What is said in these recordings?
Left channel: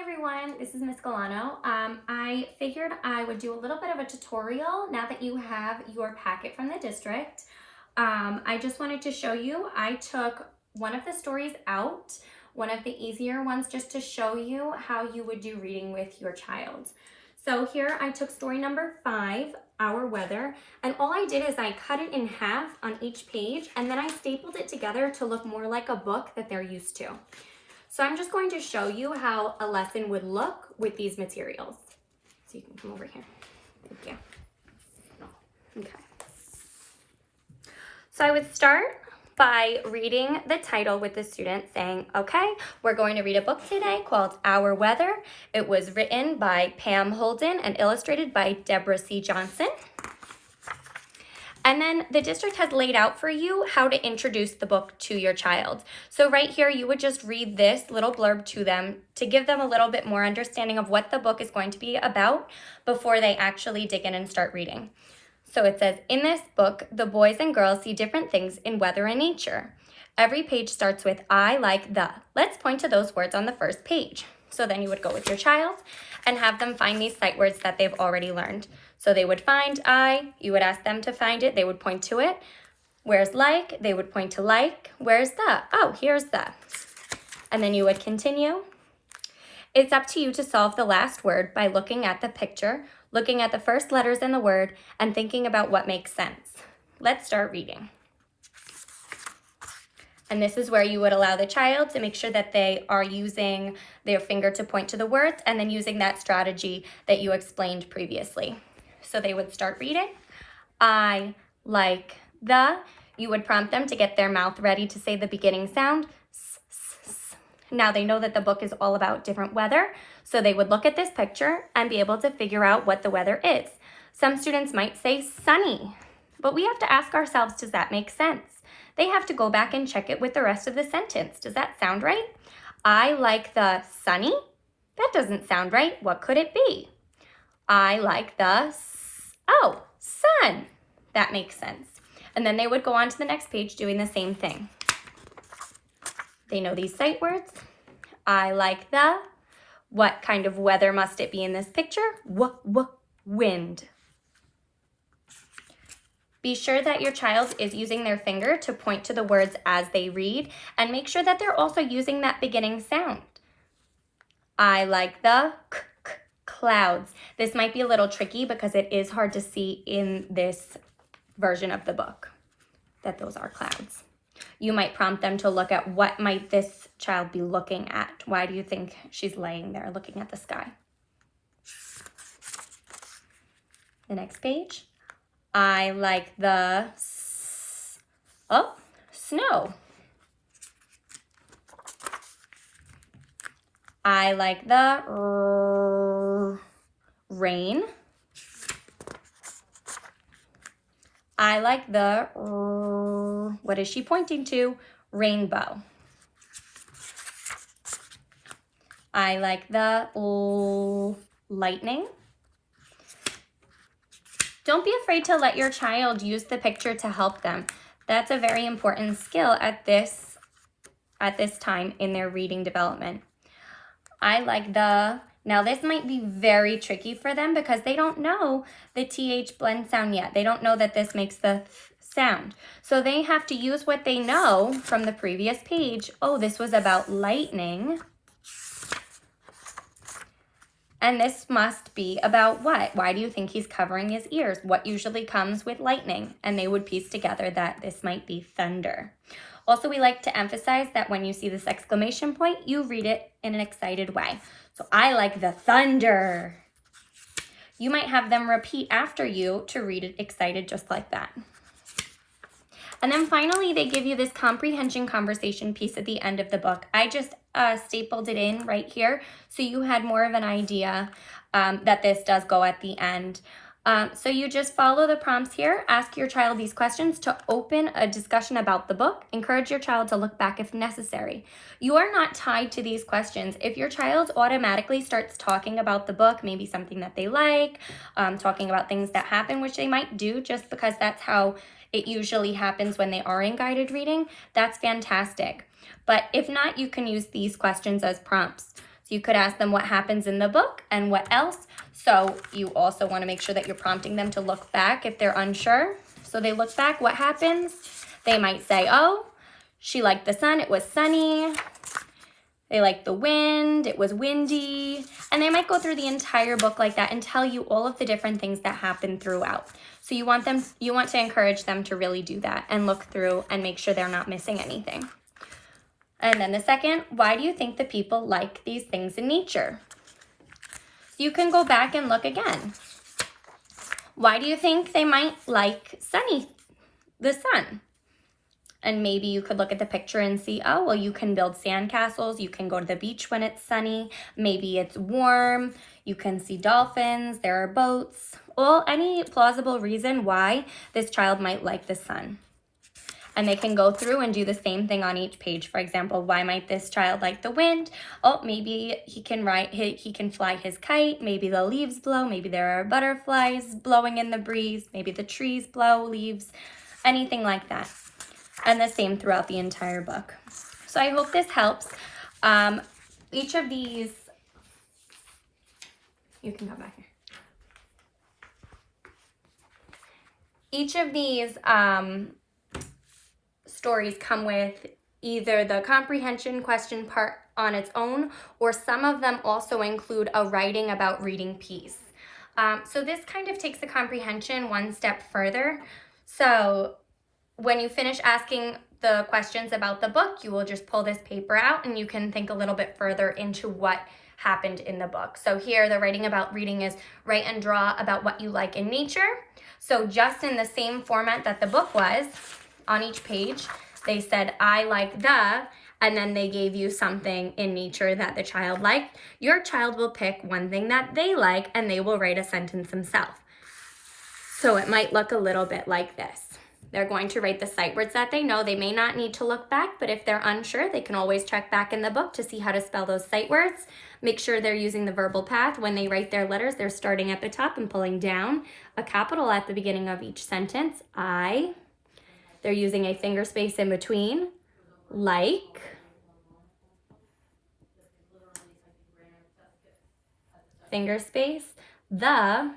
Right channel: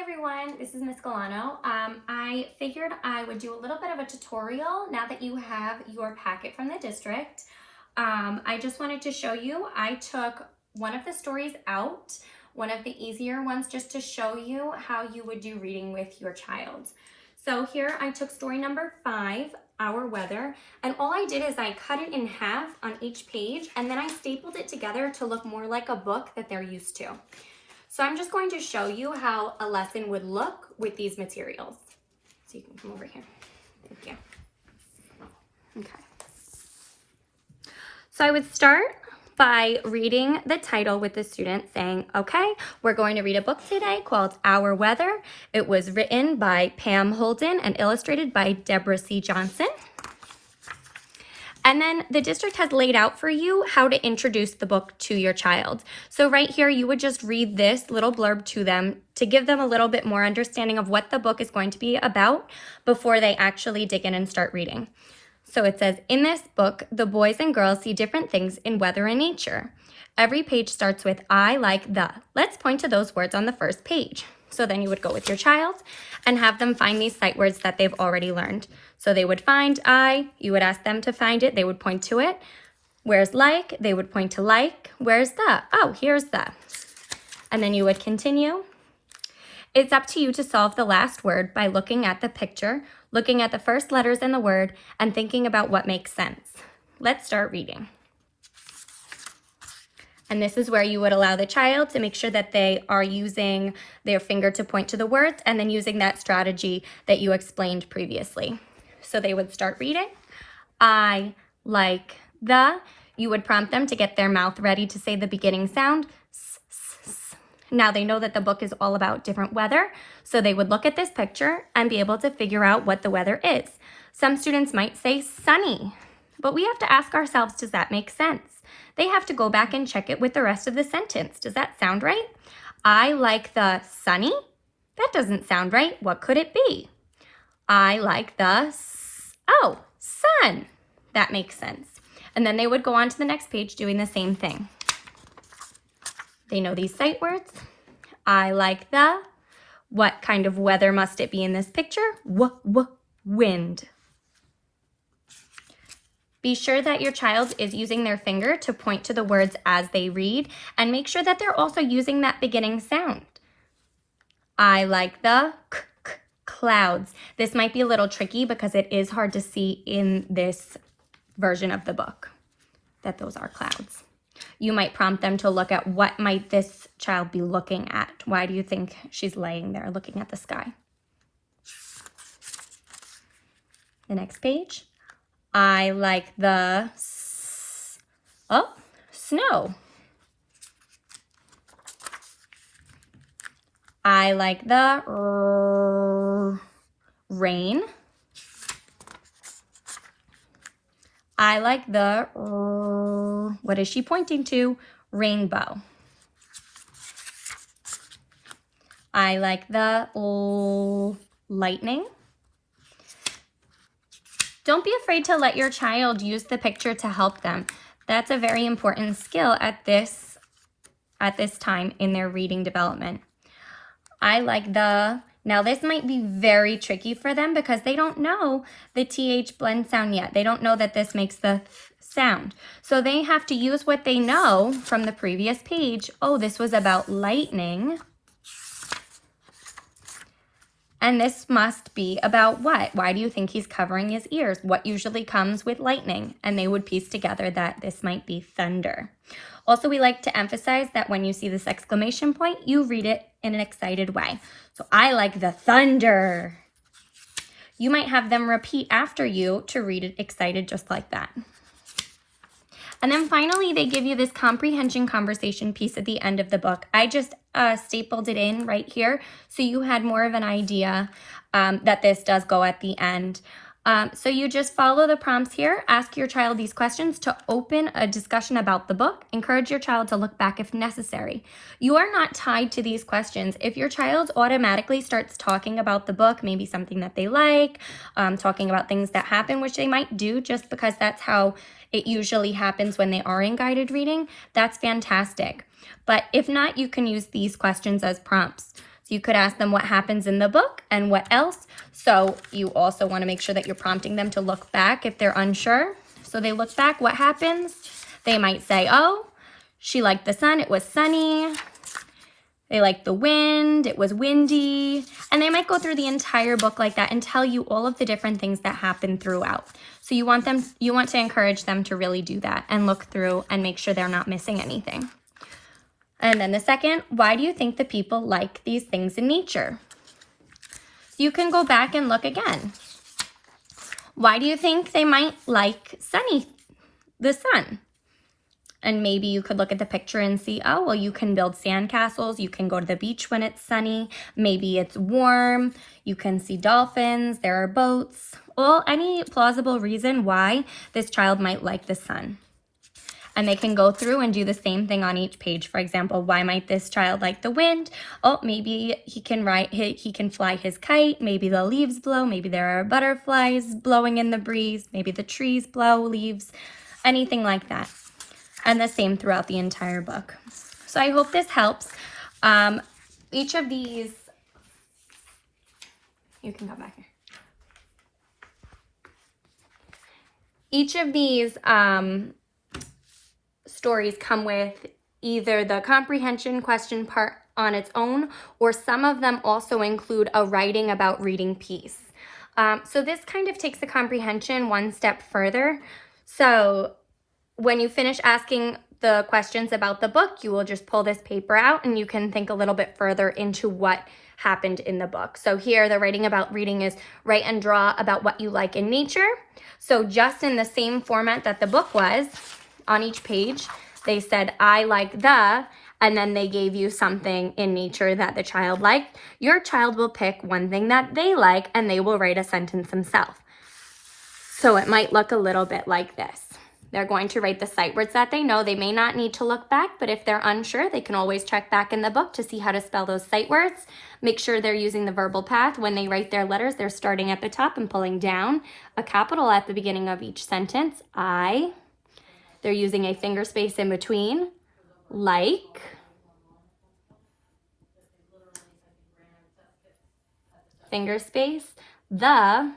Hi everyone, this is Ms.Gualano. I figured I would do a little bit of a tutorial now that you have your packet from the district. I just wanted to show you, I took one of the stories out, one of the easier ones, just to show you how you would do reading with your child. So here I took story number 5, Our Weather, and all I did is I cut it in half on each page and then I stapled it together to look more like a book that they're used to. So I'm just going to show you how a lesson would look with these materials. So you can come over here. Thank you. Okay. So I would start by reading the title with the student saying, okay, we're going to read a book today called Our Weather. It was written by Pam Holden and illustrated by Deborah C. Johnson. And then the district has laid out for you how to introduce the book to your child. So right here, you would just read this little blurb to them to give them a little bit more understanding of what the book is going to be about before they actually dig in and start reading. So it says, in this book, the boys and girls see different things in weather and nature. Every page starts with I like the. Let's point to those words on the first page. So then you would go with your child and have them find these sight words that they've already learned. So they would find I, you would ask them to find it, they would point to it. Where's like? They would point to like. Where's the? Oh, here's the. And then you would continue. It's up to you to solve the last word by looking at the picture, looking at the first letters in the word, and thinking about what makes sense. Let's start reading. And this is where you would allow the child to make sure that they are using their finger to point to the words and then using that strategy that you explained previously. So they would start reading. I like the. You would prompt them to get their mouth ready to say the beginning sound. S, s, s. Now they know that the book is all about different weather, so they would look at this picture and be able to figure out what the weather is. Some students might say sunny, but we have to ask ourselves, does that make sense? They have to go back and check it with the rest of the sentence. Does that sound right? I like the sunny. That doesn't sound right. What could it be? I like the sun. That makes sense. And then they would go on to the next page doing the same thing. They know these sight words. I like the. What kind of weather must it be in this picture? Wind. Be sure that your child is using their finger to point to the words as they read, and make sure that they're also using that beginning sound. I like the clouds. This might be a little tricky because it is hard to see in this version of the book that those are clouds. You might prompt them to look at what might this child be looking at. Why do you think she's laying there looking at the sky? The next page. I like the snow. I like the rain. I like the what is she pointing to? Rainbow. I like the lightning. Don't be afraid to let your child use the picture to help them. That's a very important skill at this time in their reading development. I like the. Now this might be very tricky for them because they don't know the TH blend sound yet. They don't know that this makes the sound. So they have to use what they know from the previous page. Oh, this was about lightning. And this must be about what? Why do you think he's covering his ears? What usually comes with lightning? And they would piece together that this might be thunder. Also, we like to emphasize that when you see this exclamation point, you read it in an excited way. So I like the thunder. You might have them repeat after you to read it excited just like that. And then finally, they give you this comprehension conversation piece at the end of the book. I just stapled it in right here so you had more of an idea that this does go at the end. So you just follow the prompts here, ask your child these questions to open a discussion about the book, encourage your child to look back if necessary. You are not tied to these questions. If your child automatically starts talking about the book, maybe something that they like, talking about things that happen, which they might do just because that's how it usually happens when they are in guided reading, that's fantastic. But if not, you can use these questions as prompts. So you could ask them what happens in the book and what else. So you also want to make sure that you're prompting them to look back if they're unsure. So they look back, what happens? They might say, oh, she liked the sun, it was sunny. They liked the wind, it was windy. And they might go through the entire book like that and tell you all of the different things that happen throughout. So you want to encourage them to really do that and look through and make sure they're not missing anything. And then the second, why do you think the people like these things in nature? So you can go back and look again. Why do you think they might like the sun? And maybe you could look at the picture and see, oh, well, you can build sandcastles. You can go to the beach when it's sunny. Maybe it's warm. You can see dolphins. There are boats. Well, any plausible reason why this child might like the sun. And they can go through and do the same thing on each page. For example, why might this child like the wind? Oh, maybe he can fly his kite. Maybe the leaves blow. Maybe there are butterflies blowing in the breeze. Maybe the trees blow leaves. Anything like that. And the same throughout the entire book. So I hope this helps. Each of these, you can come back here. Each of these stories come with either the comprehension question part on its own, or some of them also include a writing about reading piece. So this kind of takes the comprehension one step further. So when you finish asking the questions about the book, you will just pull this paper out and you can think a little bit further into what happened in the book. So here, the writing about reading is write and draw about what you like in nature. So just in the same format that the book was, on each page, they said, I like the, and then they gave you something in nature that the child liked. Your child will pick one thing that they like and they will write a sentence themselves. So it might look a little bit like this. They're going to write the sight words that they know. They may not need to look back, but if they're unsure, they can always check back in the book to see how to spell those sight words. Make sure they're using the verbal path. When they write their letters, they're starting at the top and pulling down a capital at the beginning of each sentence. I. They're using a finger space in between. Like. Finger space. The.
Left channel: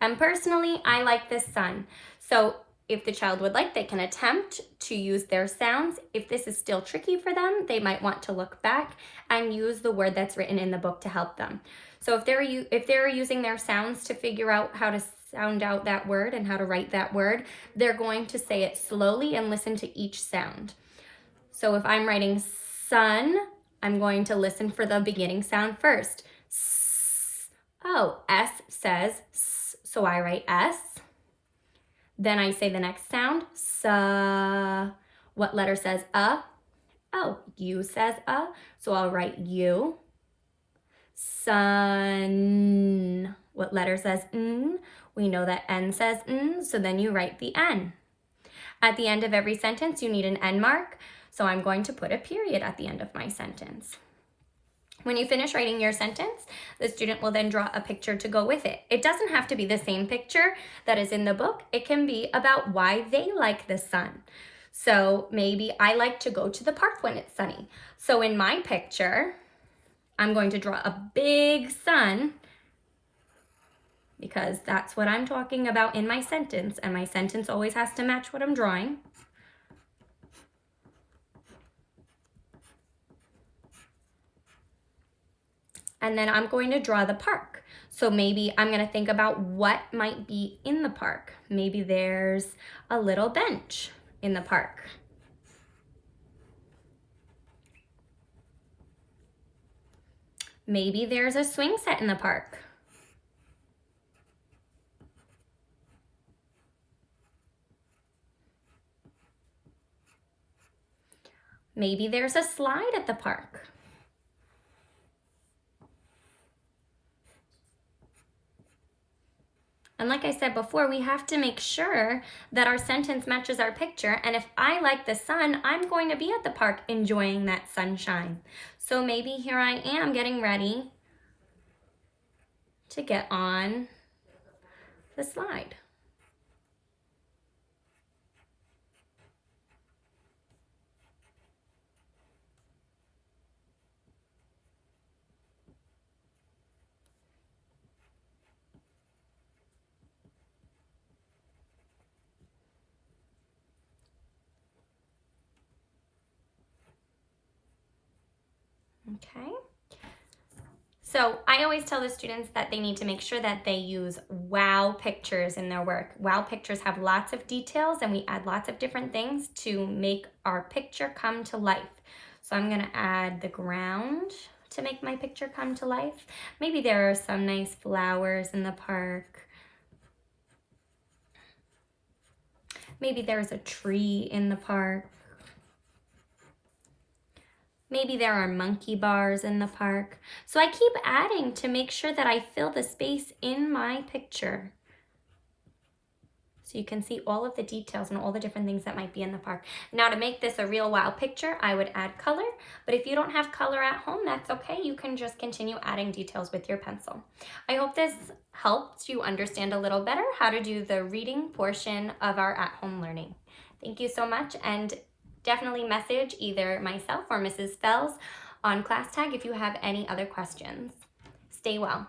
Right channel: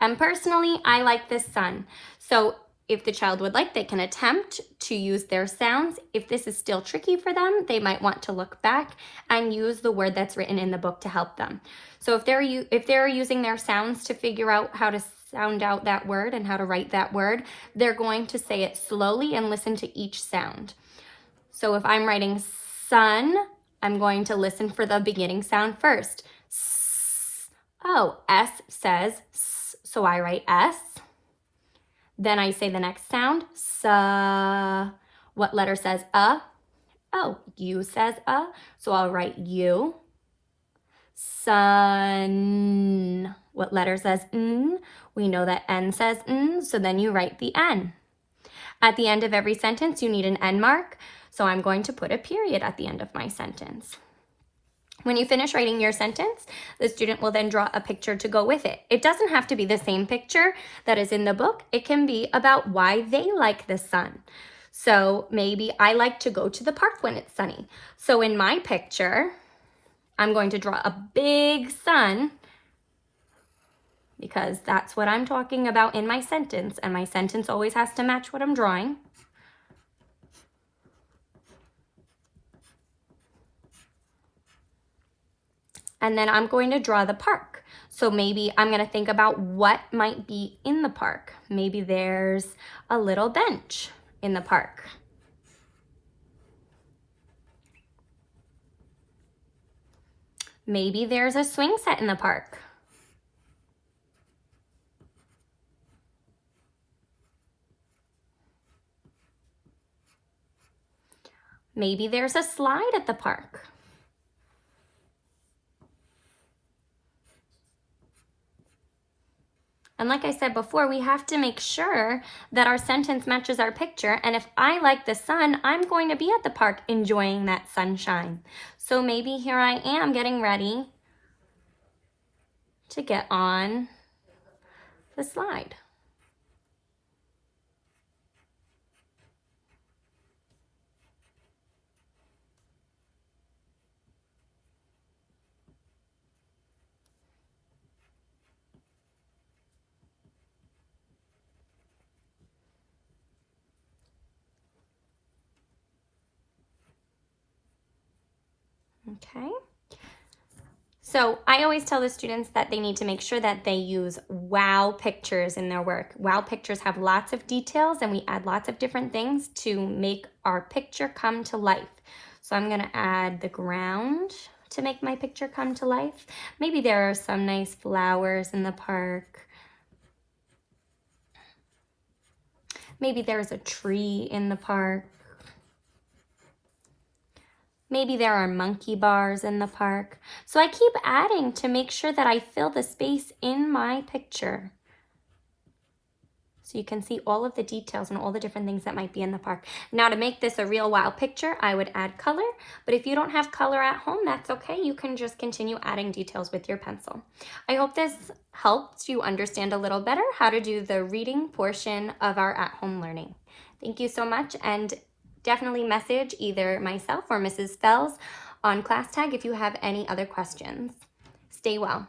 And personally, I like this sun. So if the child would like, they can attempt to use their sounds. If this is still tricky for them, they might want to look back and use the word that's written in the book to help them. So if they're using their sounds to figure out how to sound out that word and how to write that word, they're going to say it slowly and listen to each sound. So if I'm writing sun, I'm going to listen for the beginning sound first. S. Oh, S says S. So I write S. Then I say the next sound, sa. What letter says a? Oh, U says a. So I'll write U. Sun. What letter says n? We know that N says n, so then you write the N. At the end of every sentence, you need an N mark. So I'm going to put a period at the end of my sentence. When you finish writing your sentence, the student will then draw a picture to go with it. It doesn't have to be the same picture that is in the book. It can be about why they like the sun. So maybe I like to go to the park when it's sunny. So in my picture, I'm going to draw a big sun because that's what I'm talking about in my sentence, and my sentence always has to match what I'm drawing. And then I'm going to draw the park. So maybe I'm going to think about what might be in the park. Maybe there's a little bench in the park. Maybe there's a swing set in the park. Maybe there's a slide at the park. And like I said before, we have to make sure that our sentence matches our picture. And if I like the sun, I'm going to be at the park enjoying that sunshine. So maybe here I am getting ready to get on the slide. Okay. So I always tell the students that they need to make sure that they use wow pictures in their work. Wow pictures have lots of details and we add lots of different things to make our picture come to life. So I'm going to add the ground to make my picture come to life. Maybe there are some nice flowers in the park. Maybe there's a tree in the park. Maybe there are monkey bars in the park. So I keep adding to make sure that I fill the space in my picture. So you can see all of the details and all the different things that might be in the park. Now to make this a real wow picture, I would add color, but if you don't have color at home, that's okay. You can just continue adding details with your pencil. I hope this helped you understand a little better how to do the reading portion of our at-home learning. Thank you so much, and definitely message either myself or Mrs. Fells on class tag if you have any other questions. Stay well.